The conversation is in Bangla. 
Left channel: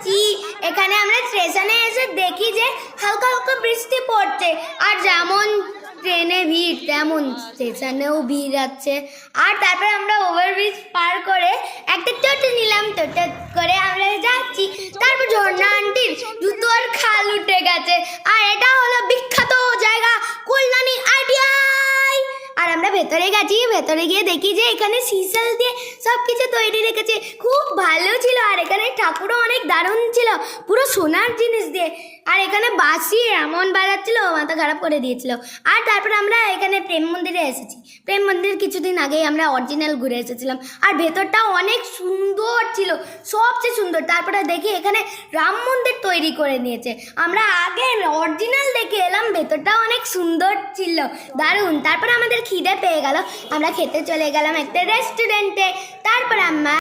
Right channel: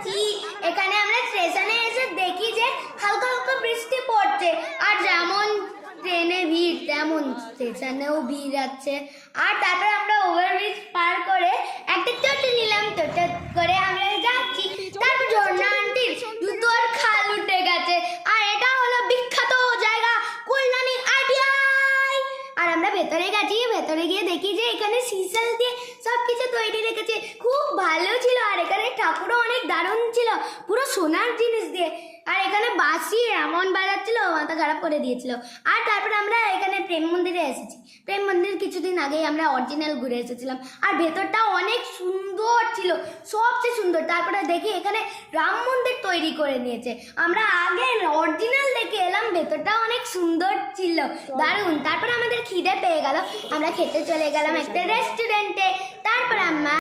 যাচ্ছি। এখানে আমরা স্টেশনে এসে দেখি যে হালকা হালকা বৃষ্টি পড়ছে, আর যেমন ট্রেনে ভিড় তেমন স্টেশনেও ভিড় আছে। আর তারপরে আমরা ওভারব্রিজ পার করে একটা টোটো নিলাম, টোটো করে আমরা যাচ্ছি। তারপর ঝর্ণা আন্টির জুতো আর খাল উঠে গেছে, আর এটা হলো বিখ্যাত জায়গা কল্যাণী আইটিআই। আর আমরা ভেতরে গেছি, ভেতরে গিয়ে দেখি যে এখানে সিসাল দিয়ে সব কিছু তৈরি রেখেছে, খুব ভালো ছিল। আর এখানে ঠাকুরও অনেক দারুণ ছিল, পুরো সোনার জিনিস দিয়ে। আর এখানে বাঁশি এমন বাজাচ্ছিল, মাথা খারাপ করে দিয়েছিল। আর তারপরে আমরা এখানে প্রেম মন্দিরে এসেছি। প্রেম মন্দির কিছুদিন আগেই আমরা অরিজিনাল ঘুরে এসেছিলাম, আর ভেতরটা অনেক সুন্দর ছিল, সবচেয়ে সুন্দর। তারপরে দেখি এখানে রাম মন্দির তৈরি করে নিয়েছে। আমরা আগে অরিজিনাল দেখে এলাম, ভেতরটা অনেক সুন্দর ছিল, দারুণ। তারপরে আমাদের খিদে পেয়ে গেল, আমরা খেতে চলে গেলাম একটা রেস্টুরেন্টে। তারপরে আমরা